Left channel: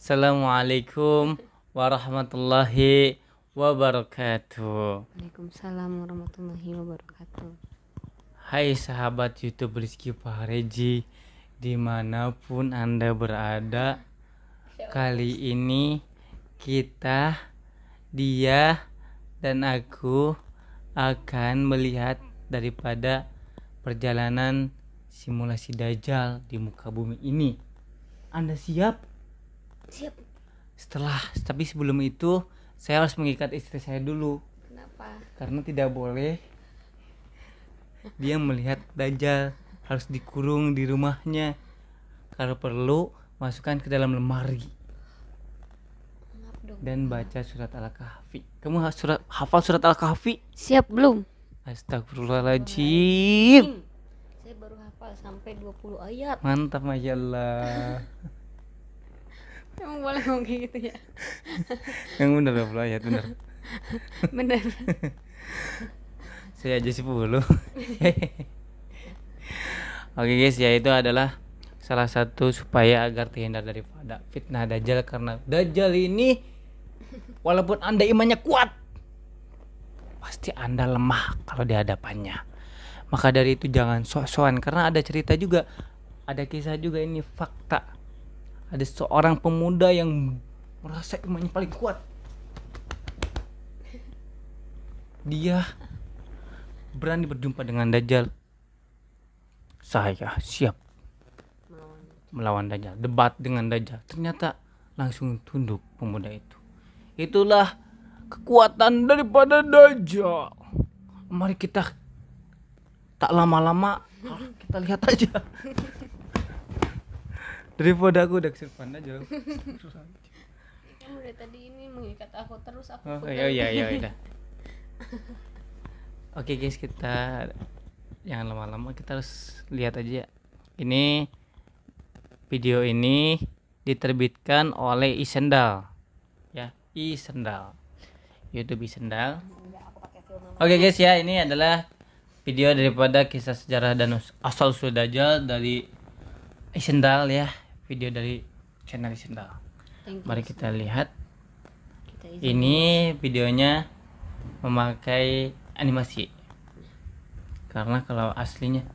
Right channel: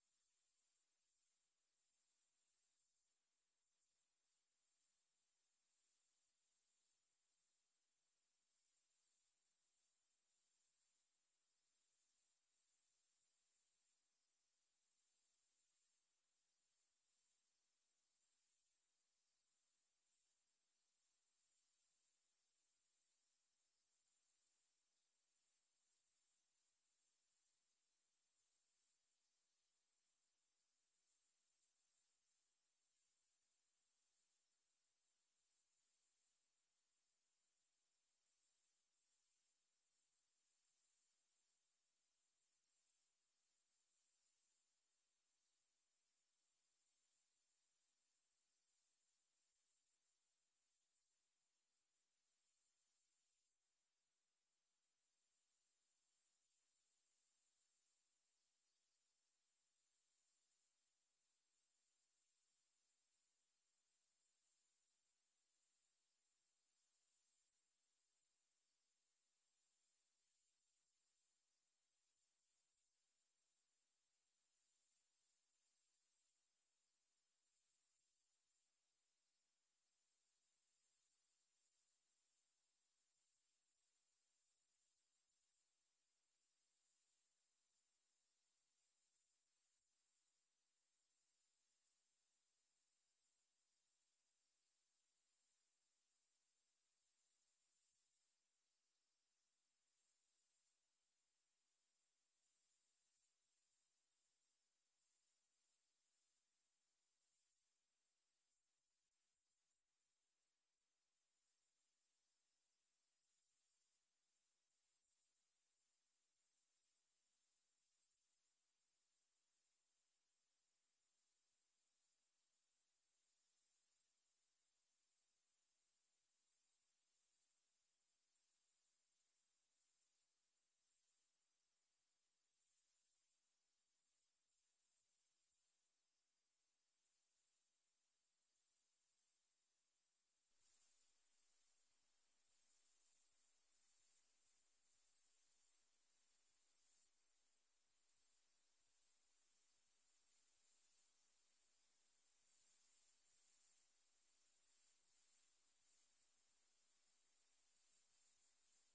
Assalamualaikum warahmatullahi wabarakatuh. Waalaikumsalam warahmatullahi wabarakatuh. Hai sahabat YouTube Rizky Fahreji, dimanapun Anda berada, kali ini dia dan aku akan melihat daripada perjalanan simulasi Dajjal di muka bumi ini. Anda siap? Siap. Tapi sebelum itu saya harus mengikat istri saya dulu. Kenapa? Karena tidak boleh dia melihat Dajjal, harus dikurung di rumahnya. Kalau perlu masukkan ke dalam lemari dan baca surat Al-Kahfi. Kamu hafal surat Al-Kahfi? Siap belum? Astagfirullahaladzim. Saya baru hafal sampai 20 ayat. Mantap, Masya Allah. Emang boleh ngomong kayak gitu ya? Yang benar 20 ayat, benar. Bener. Saya aja 10. Oke guys, ya itu adalah salah satu supaya agar terhindar daripada fitnah Dajjal. Karena Dajjal ini walaupun Anda imannya kuat, pasti Anda lemah kalau di hadapannya. Maka dari itu jangan sok-sokan, karena ada cerita juga, ada kisah juga, ini fakta. Ada seorang pemuda yang merasa imannya paling kuat. Dia berani berjumpa dengan Dajjal. Saya siap melawan Dajjal, debat dengan Dajjal. Ternyata langsung tunduk pemuda itu. Itulah kekuatan daripada Dajjal. Mari kita tak lama-lama kita lihat aja. Daripada aku udah kesurupan aja. Kamu dari tadi ini mengikat aku terus aku. Oh iya udah. Oke guys, kita jangan lama-lama, kita harus lihat aja. Ini video ini diterbitkan oleh Isendal. Ya, Isendal. YouTube Isendal. Oke guys, ya ini adalah video daripada kisah sejarah dan asal usul Dajjal dari Isendal ya. Video dari channel Isendal. Mari kita lihat. Ini videonya memakai animasi. Karena kalau aslinya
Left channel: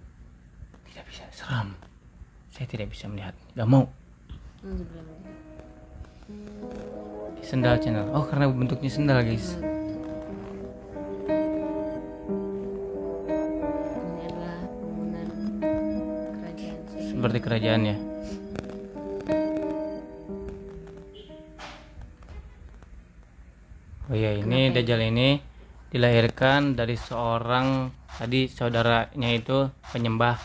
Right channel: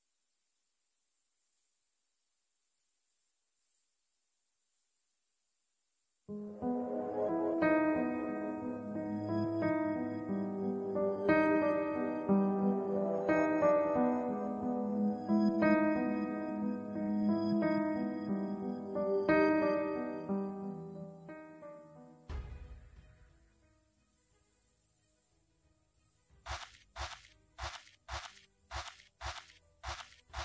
tidak bisa, seram. Saya tidak bisa melihat, gak mau. Sendal channel. Oh, karena bentuknya sendal guys. Seperti kerajaannya. Oh iya, ini Dajjal ini dilahirkan dari seorang, tadi saudaranya itu penyembah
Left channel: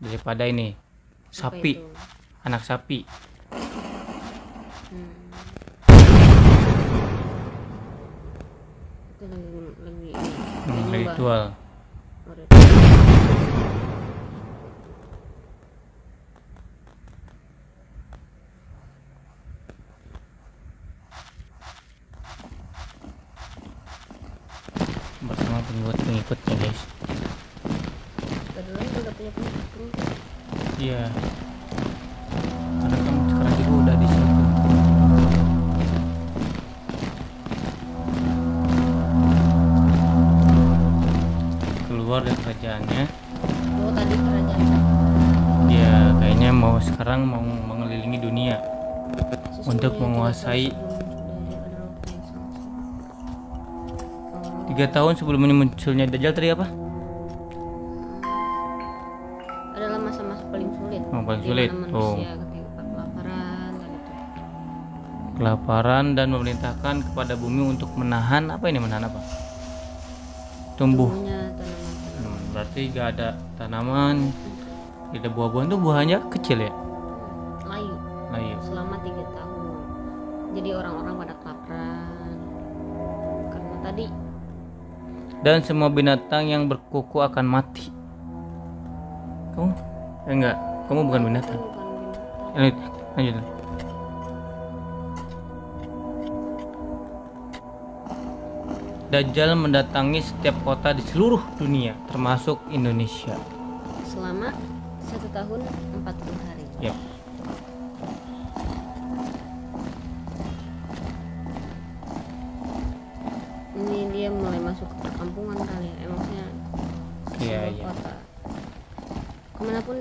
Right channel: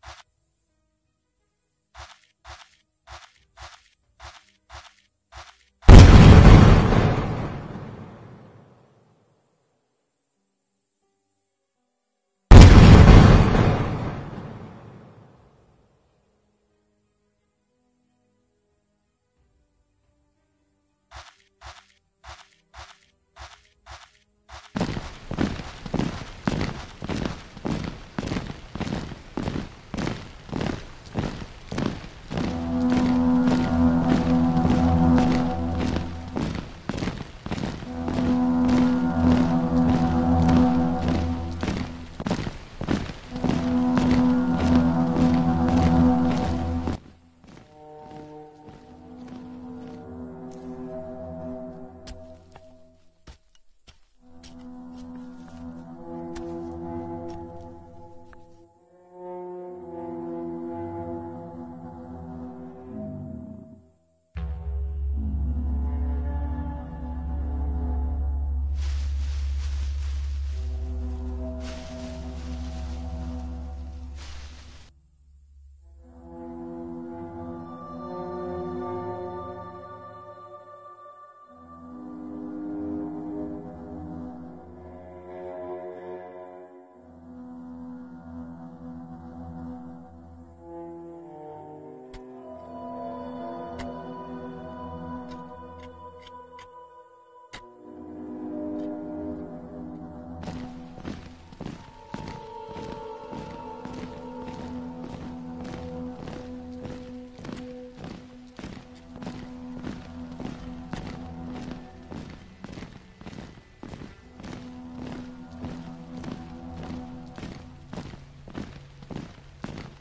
daripada ini sapi, anak sapi. Ritual. Buat pengikut guys. Iya. Sekarang itu udah di sini. Keluar dari kerajaannya. Dia kayaknya sekarang mau mengelilingi dunia untuk menguasai. 3 tahun sebelum munculnya Dajjal tadi apa? Adalah masa-masa paling sulit. Paling sulit. Kelaparan dan memerintahkan kepada bumi untuk menahan apa ini, menahan apa? Tumbuh. Berarti gak ada tanaman, tidak ada buah-buahan, tuh buahnya kecil ya? Layu. Selama 3 tahun. Jadi orang-orang pada kelaparan. Karena tadi. Dan semua binatang yang berkuku akan mati. Kamu? Enggak, kamu bukan binatang. Lanjut. Dajjal mendatangi setiap kota di seluruh dunia, termasuk Indonesia. Selama 1 tahun 40 hari. Yep.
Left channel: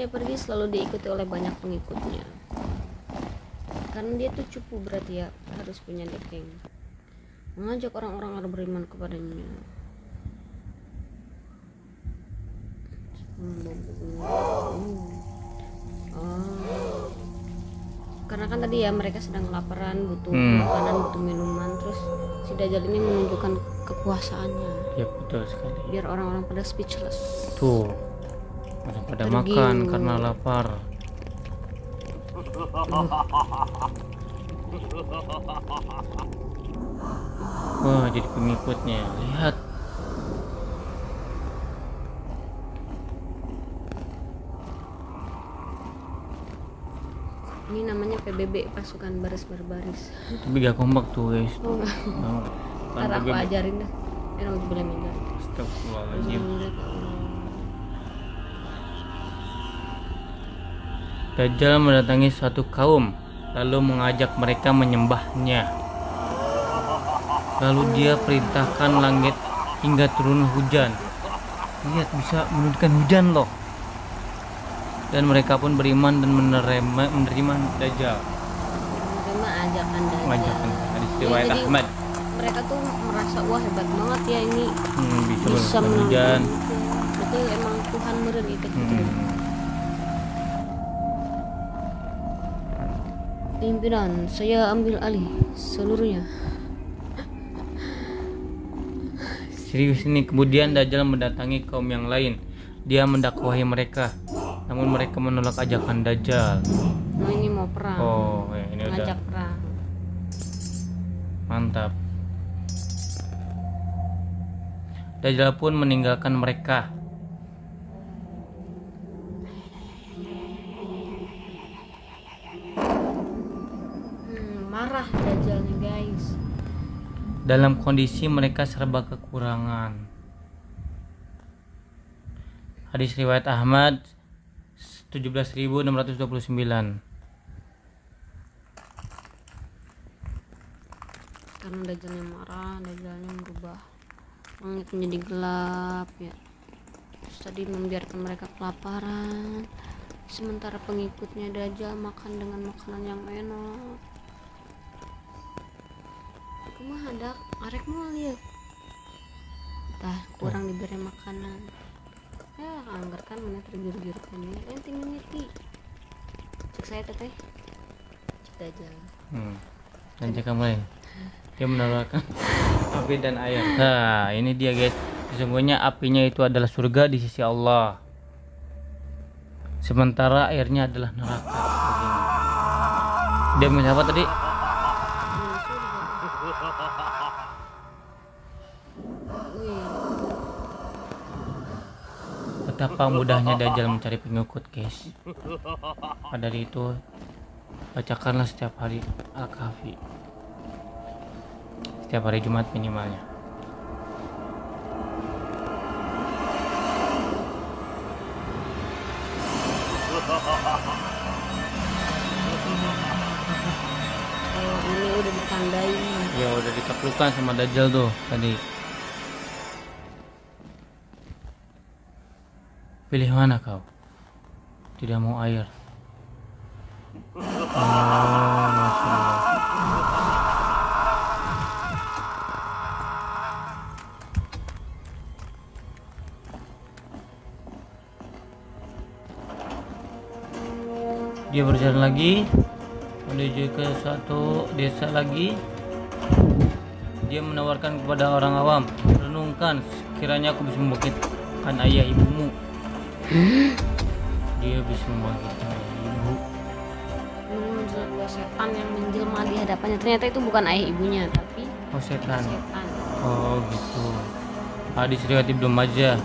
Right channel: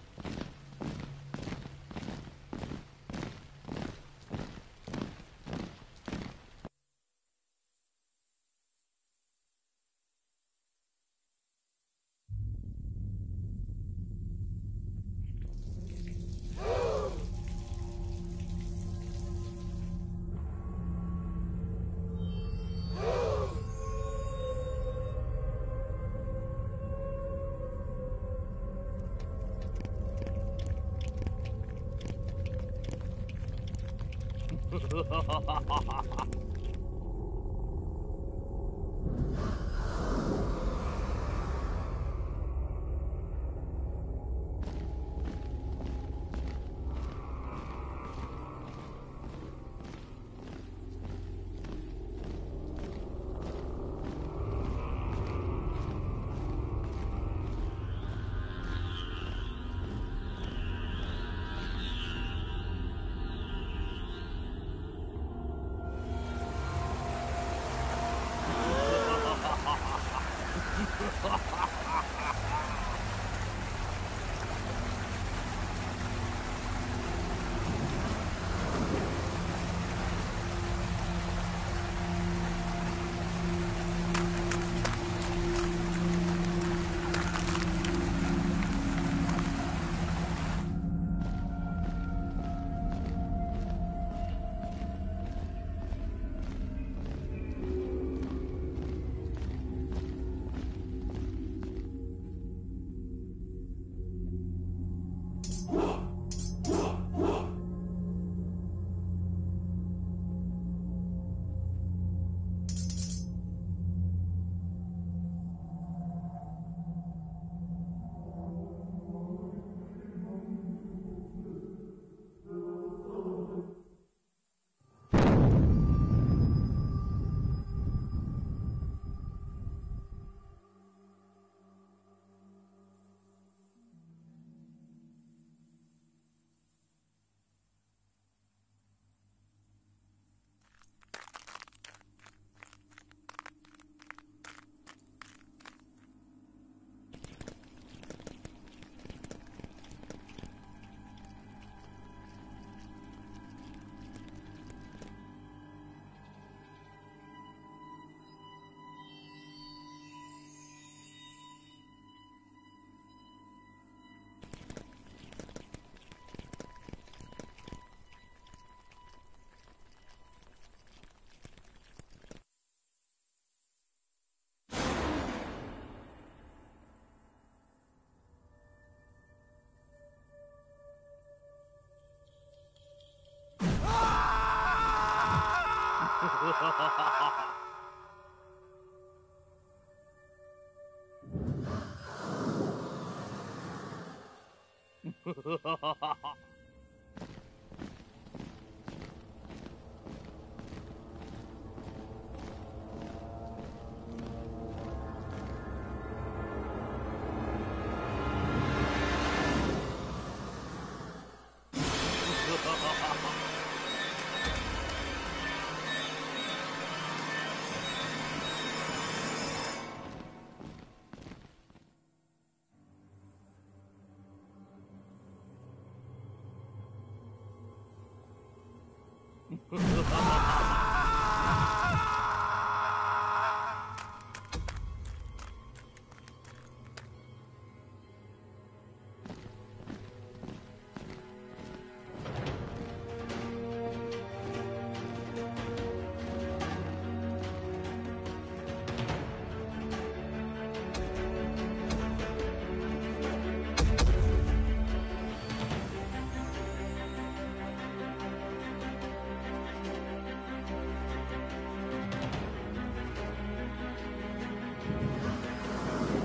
dia pergi selalu diikuti oleh banyak pengikutnya. Karena dia tuh cupu berarti ya, harus punya nickname. Mengajak orang-orang agar beriman kepadanya. Karena kan tadi ya mereka sedang kelaparan, butuh makanan, butuh minuman, terus si Dajjal ini menunjukkan kepuasaannya. Ya betul sekali. Biar orang-orang pada speechless. Tuh, pada makan karena lapar. Wah, jadi pengikutnya. Lihat. Ini namanya PBB, pasukan baris berbaris. Tapi gak kompak tuh guys. Oh, ntar aku ajarin deh. Astagfirullahaladzim. Dajjal mendatangi suatu kaum, lalu mengajak mereka menyembahnya. Lalu dia perintahkan langit hingga turun hujan. Lihat, bisa menurunkan hujan loh. Dan mereka pun beriman dan menerima Dajjal. Karena ajakan Dajjal. Riwayat Jadi, Ahmad. mereka tuh merasa wah hebat banget ya ini bisa menurunkan hujan. Itu emang Tuhan meren itu. Pimpinan, saya ambil alih seluruhnya. Serius ini. Kemudian Dajjal mendatangi kaum yang lain. Dia mendakwahi mereka, namun mereka menolak ajakan Dajjal. Nah, ini mau perang. Oh, ya, ini udah ngajak perang. mantap. Dajjal pun meninggalkan mereka. Marah Dajjal nih guys. Dalam kondisi mereka serba kekurangan. Hadis riwayat Ahmad 17.629. Karena Dajjalnya marah, Dajjalnya berubah langit menjadi gelap ya. Terus tadi membiarkan mereka kelaparan, sementara pengikutnya Dajjal makan dengan makanan yang enak. Kumaha dak arek moal lieu. Tah kurang diberi makanan. Anggar kan mana tergiur-giur kan ini tinggal ngerti. Cek saya teteh. Cek Dajjal. Dan cek mulai. Dia menawarkan api dan air. Nah, ini dia guys. Sesungguhnya apinya itu adalah surga di sisi Allah. Sementara airnya adalah neraka. Begini. Dia minta apa tadi? Betapa mudahnya Dajjal mencari pengikut guys. Pada dari itu bacakanlah setiap hari Al-Kahfi, setiap hari Jumat minimalnya. Ini udah ditandai. Ya udah ditaklukkan sama Dajjal tuh tadi. Pilih mana kau? Tidak mau air. Masya Allah. Dia berjalan lagi menuju ke suatu desa lagi. Dia menawarkan kepada orang awam, renungkan, sekiranya aku bisa membangkitkan ayah ibumu. Dia bisa membangkitkan ibu. Setan yang menjelma di hadapannya, ternyata itu bukan ayah ibunya tapi setan. setan. Oh gitu. Hadis riwayat Ibnu Majah.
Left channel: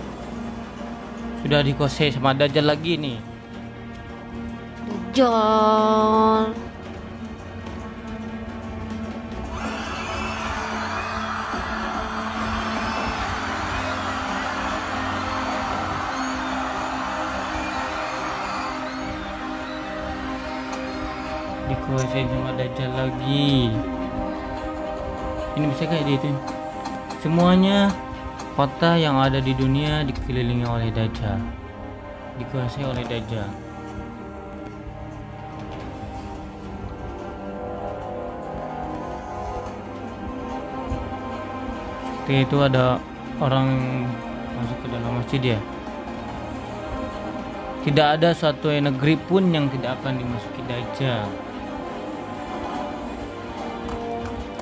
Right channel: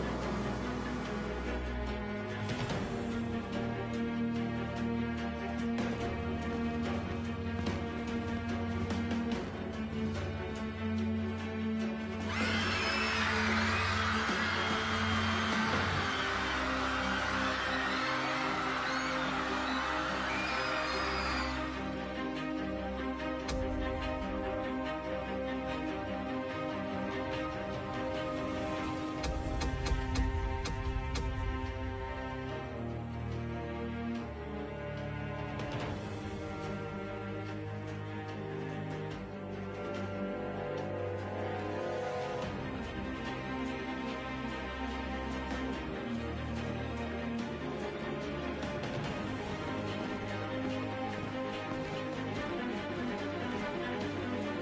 Sudah dikuasai sama Dajjal lagi nih. Dajjal. Dikuasai sama Dajjal lagi. Ini bisa kayak dia itu. Semuanya kota yang ada di dunia dikelilingi oleh Dajjal, dikuasai oleh Dajjal. seperti itu ada orang masuk ke dalam masjid ya. Tidak ada suatu negeri pun yang tidak akan dimasuki Dajjal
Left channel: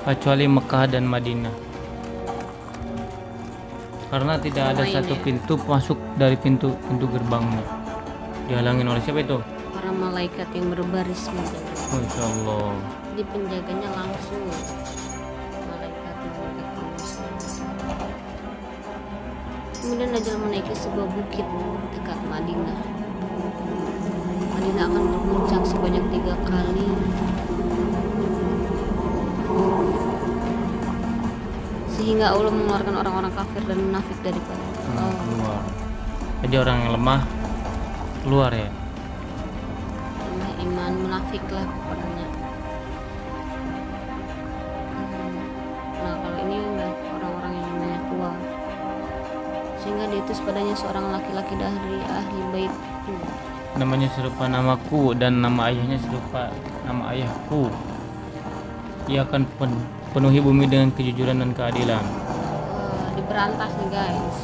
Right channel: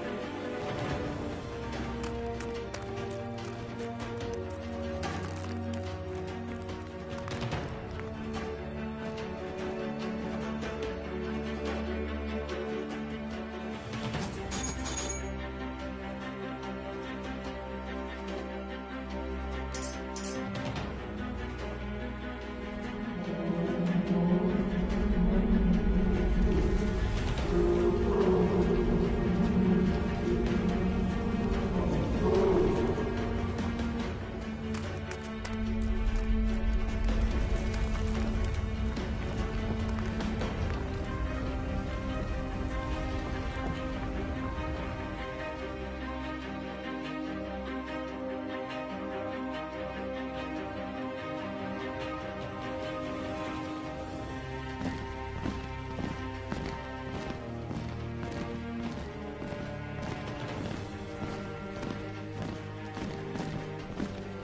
kecuali Mekah dan Madinah, karena tidak ada satu pintu masuk dari pintu gerbangnya. Dihalangin oleh siapa itu? Para malaikat yang berbaris. Masya Allah. Jadi penjaganya langsung malaikat. Kemudian Dajjal menaiki sebuah bukit dekat Madinah. Madinah akan berguncang sebanyak 3 kali. Sehingga Allah mengeluarkan orang-orang kafir dan munafik daripada Keluar. Jadi orang yang lemah keluar ya. iman munafik lah pokoknya. Nah kalau ini udah orang-orang yang namanya tua, sehingga diutus padanya seorang laki-laki dari ahli bait. Namanya serupa namaku dan nama ayahnya serupa nama ayahku. Ia akan penuhi bumi dengan kejujuran dan keadilan. Diberantas nih guys.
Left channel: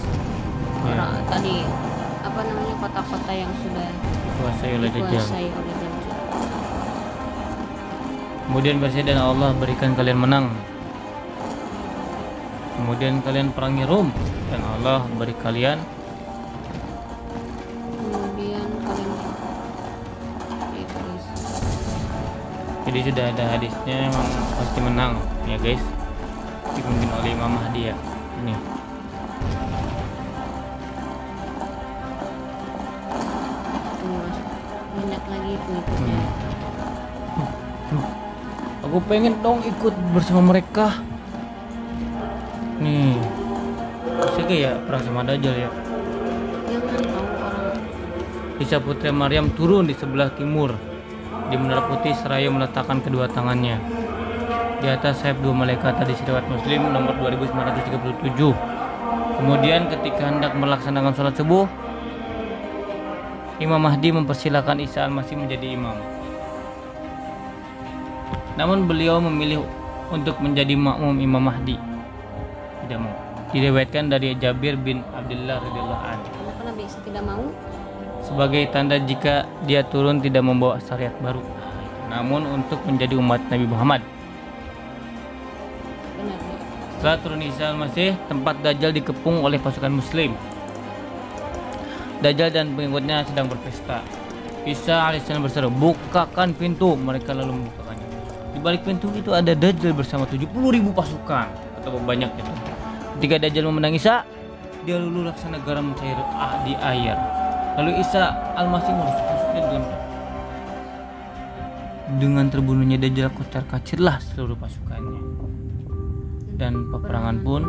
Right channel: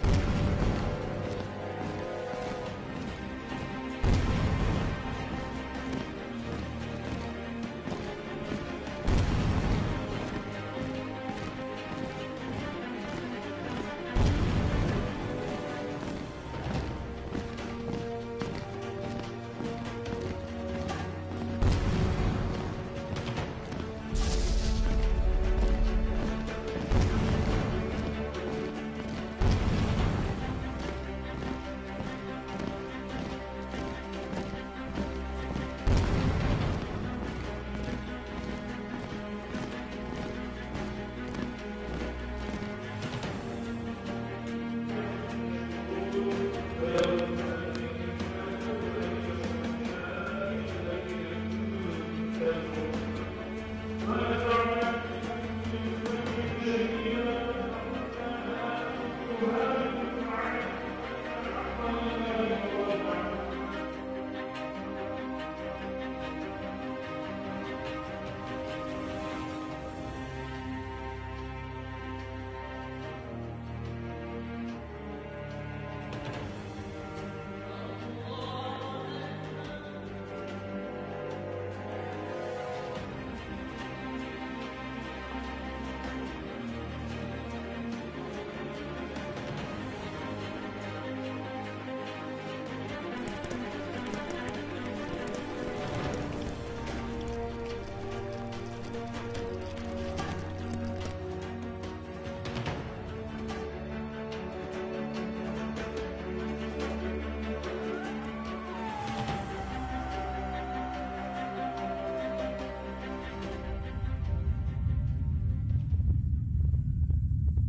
Orang tadi apa namanya kota-kota yang sudah Kuasai oleh Dajjal. dikuasai oleh Dajjal. Kemudian Presiden Allah berikan kalian menang. Kemudian kalian perangi Rom dan Allah beri kalian. Kemudian kalian Jadi sudah ada hadisnya, memang pasti menang ya guys. Dipimpin oleh Imam Mahdi ya. Ini. banyak lagi pengikutnya. Aku pengen dong ikut bersama mereka. Nih, sih ya perang sama Dajjal ya. Isa putri Maryam turun di sebelah timur di Menara Putih seraya meletakkan kedua tangannya di atas sayap 2 malaikat. Hadis riwayat Muslim nomor 2937. Kemudian ketika hendak melaksanakan sholat subuh, Imam Mahdi mempersilahkan Isa al-Masih menjadi imam. Namun beliau memilih untuk menjadi makmum Imam Mahdi. Tidak mau. Diriwayatkan dari Jabir bin Abdullah radhiyallahu anhu. Kenapa bisa tidak mau? Sebagai tanda jika dia turun tidak membawa syariat baru, namun untuk menjadi umat Nabi Muhammad. Benar. Setelah turun Isa al-Masih, tempat Dajjal dikepung oleh pasukan Muslim. Dajjal dan pengikutnya sedang berpesta. Isa alaihissalam berseru, "Bukakan pintu." Mereka lalu membukanya. Di balik pintu itu ada Dajjal bersama 70.000 pasukan atau banyak itu. Ketika Dajjal memandang Isa, dia lulu laksana garam cair di air. Lalu Isa al-Masih merusuk dengan terbunuhnya Dajjal, kocar-kacirlah seluruh pasukannya. Dan peperangan pun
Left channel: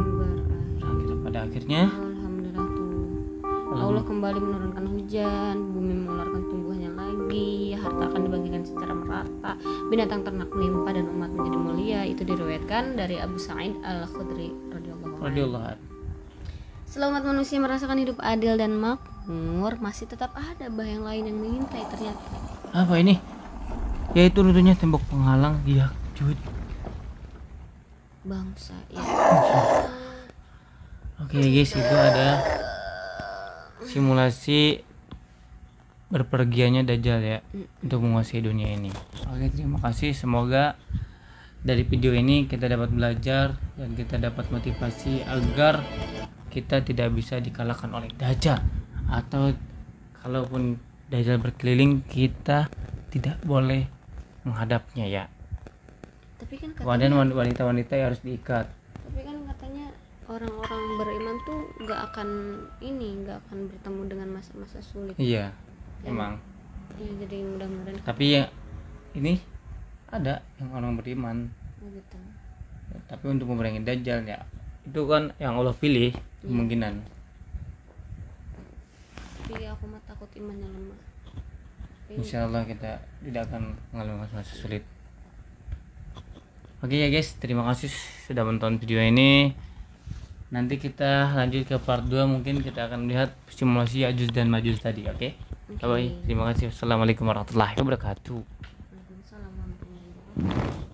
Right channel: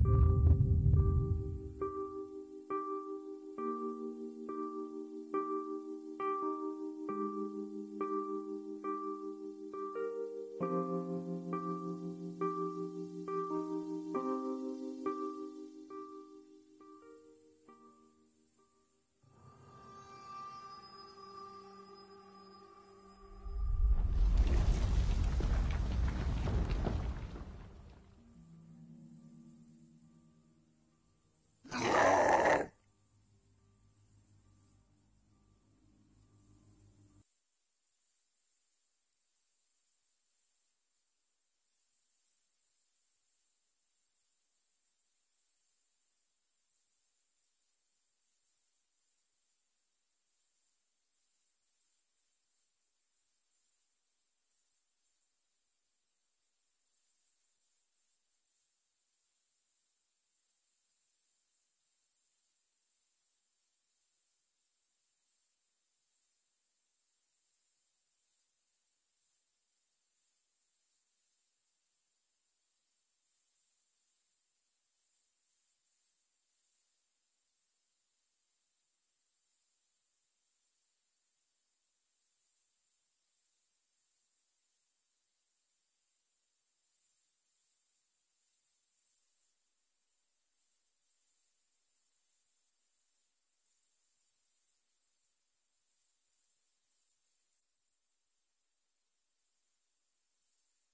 berakhir pada akhirnya. Alhamdulillah tuh. Allah kembali menurunkan hujan, bumi mengeluarkan tumbuhannya lagi, harta akan dibagikan secara merata, binatang ternak melimpah dan umat menjadi mulia. Itu diriwayatkan dari Abu Sa'id al-Khudri radhiyallahu anhu. Selamat manusia merasakan hidup adil dan makmur, masih tetap ada bahaya yang lain yang mengintai ternyata. Apa ini? Yaitu runtuhnya tembok penghalang dia cuit. Bangsa ya. Oke guys, itu ada simulasi berpergiannya Dajjal ya untuk menguasai dunia ini. Oke, terima kasih. Semoga dari video ini kita dapat belajar dan kita dapat motivasi agar kita tidak bisa dikalahkan oleh Dajjal, atau kalaupun Dajjal berkeliling kita tidak boleh menghadapnya ya. Tapi kan Kemudian wanita-wanita yang harus diikat. Tapi kan katanya orang-orang beriman tuh nggak akan bertemu dengan masa-masa sulit. Iya, emang. Ya, jadi mudah-mudahan. Tapi ya ini ada yang orang beriman. Gitu. Tapi untuk memerangi Dajjal ya itu kan yang Allah pilih kemungkinan. Tapi aku mah takut imannya lemah. Insya Allah kita tidak akan mengalami masa sulit. Oke ya guys, terima kasih sudah menonton video ini. Nanti kita lanjut ke part 2, mungkin kita akan melihat simulasi Ya'juj dan Ma'juj tadi. Oke. Bye. Terima kasih. Assalamualaikum warahmatullahi wabarakatuh. Waalaikumsalam warahmatullahi wabarakatuh.